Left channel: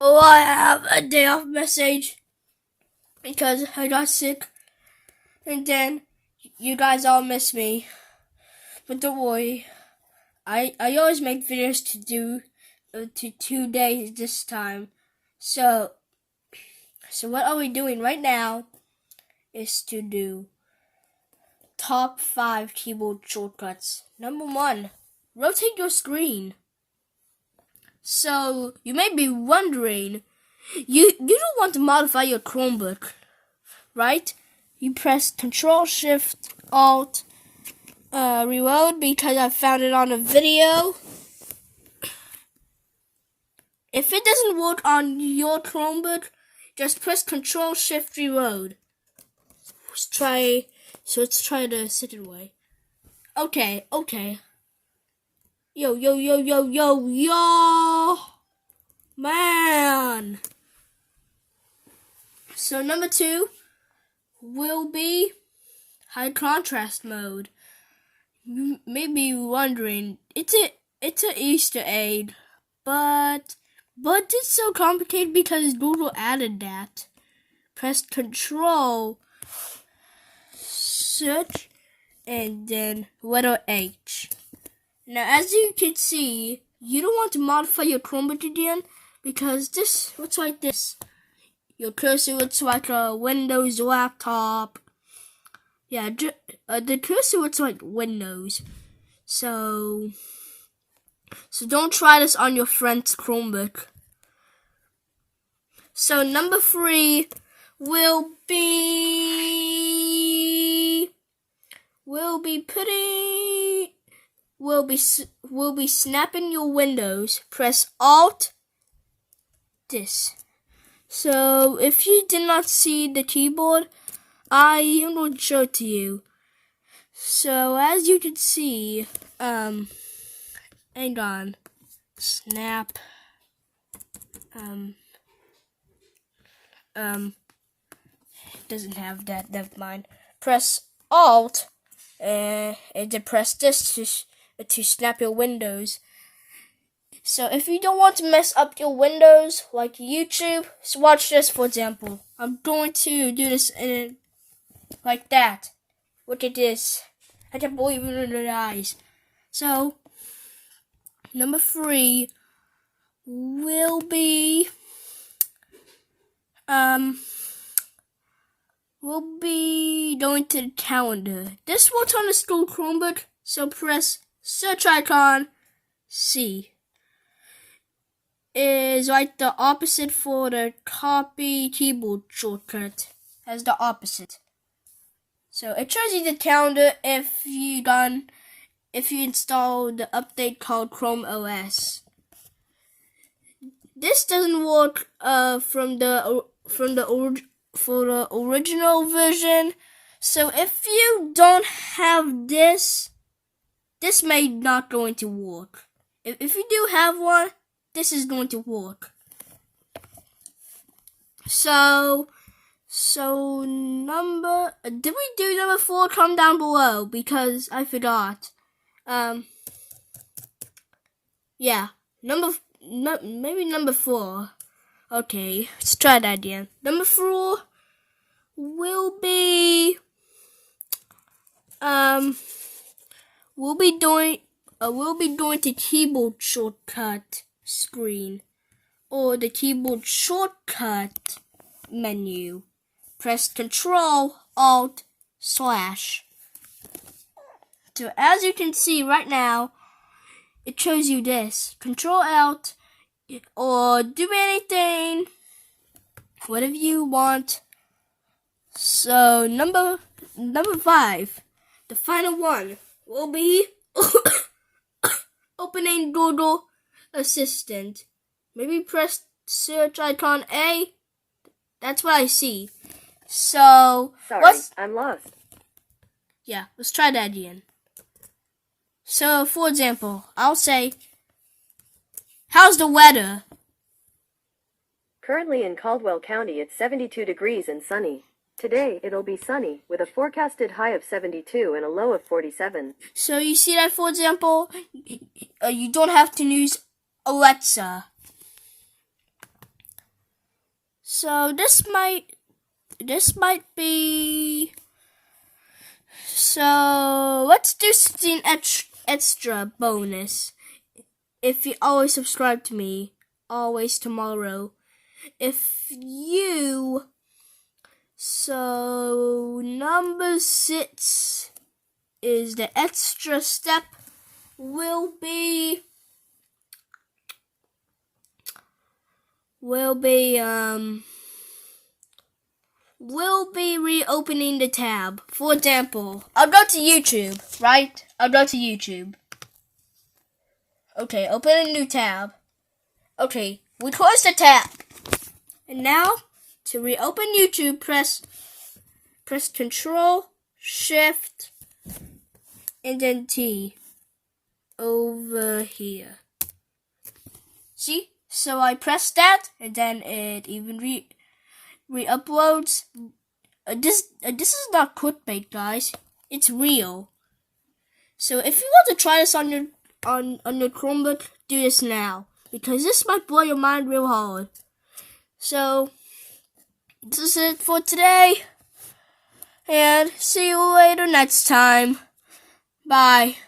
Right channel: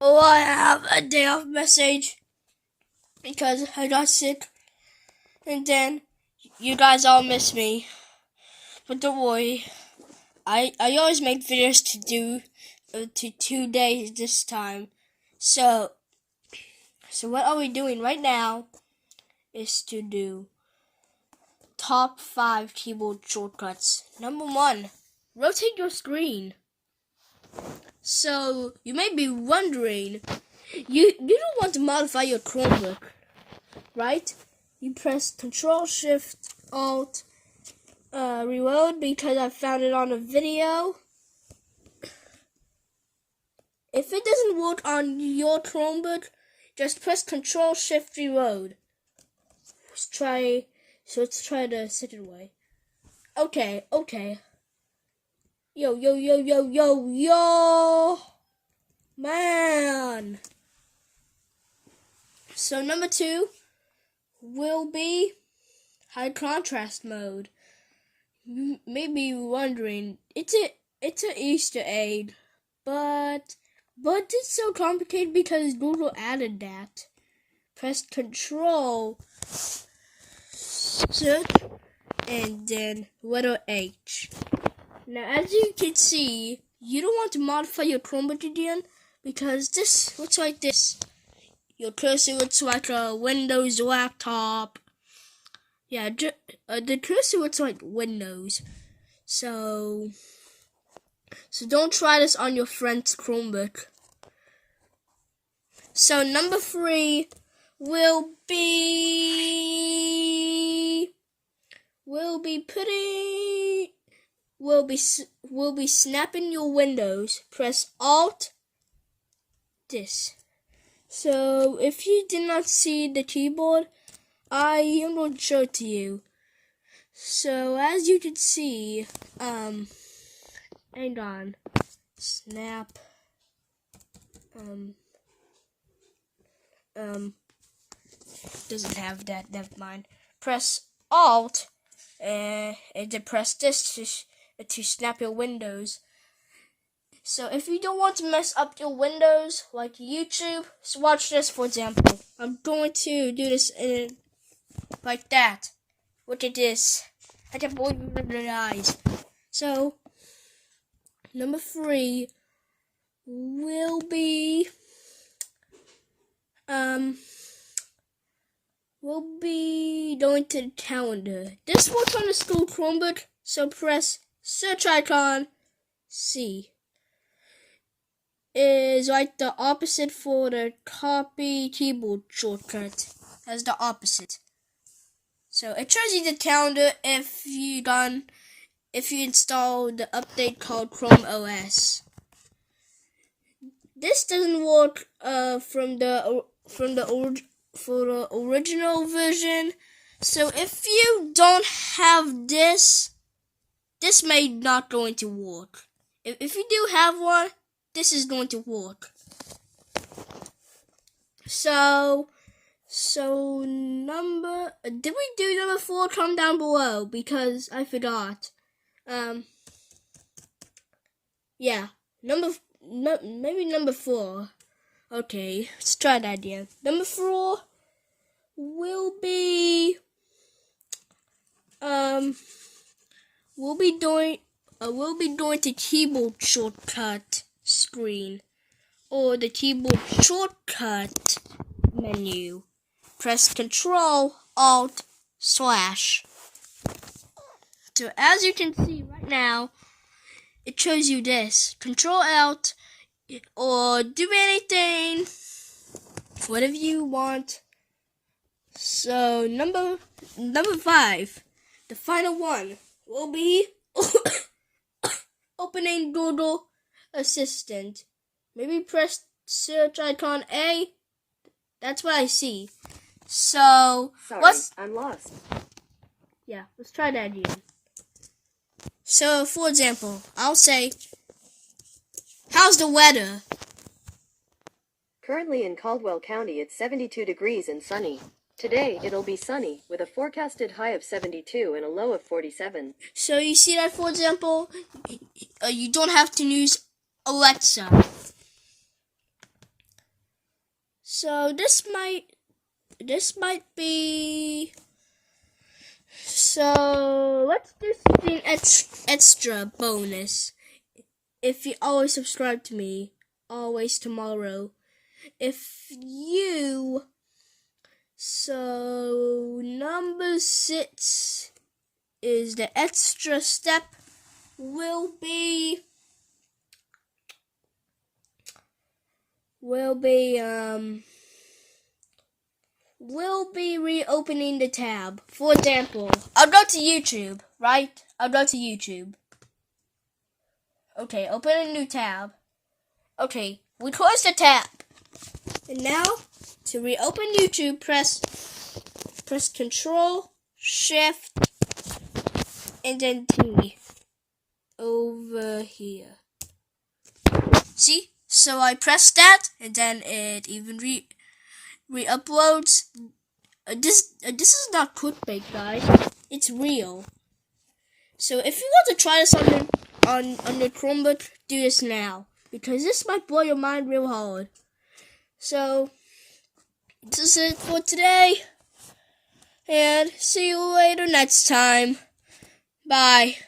Oh, I have a day off message because I got sick, and then you guys all miss me. But don't worry, I always make videos to do to 2 days this time. So what are we doing right now is to do top 5 keyboard shortcuts. Number 1, rotate your screen. So you may be wondering, you don't want to modify your Chromebook, right? You press Control Shift Alt Reload because I found it on a video. If it doesn't work on your Chromebook, just press Control Shift Reload. Let's try the second way. Okay. Yo, man. So number 2 will be high contrast mode. You may be wondering, it's an Easter egg, but it's so complicated because Google added that. Press Control, search, and then letter H. Now, as you can see, you don't want to modify your Chromebook again because this looks like this. Your cursor looks like a Windows laptop. Yeah, the cursor looks like Windows. So don't try this on your friend's Chromebook. So number 3 will be snapping your windows. Press Alt this. So if you did not see the keyboard, I am going to show it to you. So as you can see, hang on, snap, doesn't have that, never mind. Press Alt, and then press this to snap your windows. So if you don't want to mess up your windows like YouTube, so watch this for example. I'm going to do this like that. Look at this. I can't believe it in your eyes. So number 3 will be going to the calendar. This works on the school Chromebook, so press search icon C. Is like the opposite for the copy keyboard shortcut. As the opposite. So it shows you the calendar if you install the update called Chrome OS. This doesn't work for the original version. So if you don't have this may not going to work. If you do have one, this is going to work. So did we do number 4? Comment down below because I forgot. Yeah, maybe number 4. Okay, let's try that again. Number 4 will be we'll be doing the keyboard shortcut screen or the keyboard shortcut menu. Press Control Alt /. So as you can see right now, it shows you this. Control Alt or do anything, whatever you want. So number 5, the final one, will be opening Google Assistant. Maybe press search icon A. That's what I see. So sorry, I'm lost. Yeah, let's try that again. So for example, I'll say, how's the weather? Currently in Caldwell County, it's 72 degrees and sunny. Today, it'll be sunny, with a forecasted high of 72 and a low of 47. So you see that, for example, you don't have to use Alexa. So this might be. So let's do something extra bonus. If you always subscribe to me, always tomorrow. So number 6 is the extra step will be reopening the tab. For example, I'll go to YouTube, right? I'll go to YouTube. Okay, open a new tab. Okay, we close the tab. And now, to reopen YouTube, press Control, Shift, and then T over here. See? So I press that, and then it even re-uploads. This is not clickbait, guys. It's real. So if you want to try this on your Chromebook, do this now, because this might blow your mind real hard. So this is it for today, and see you later next time. Bye.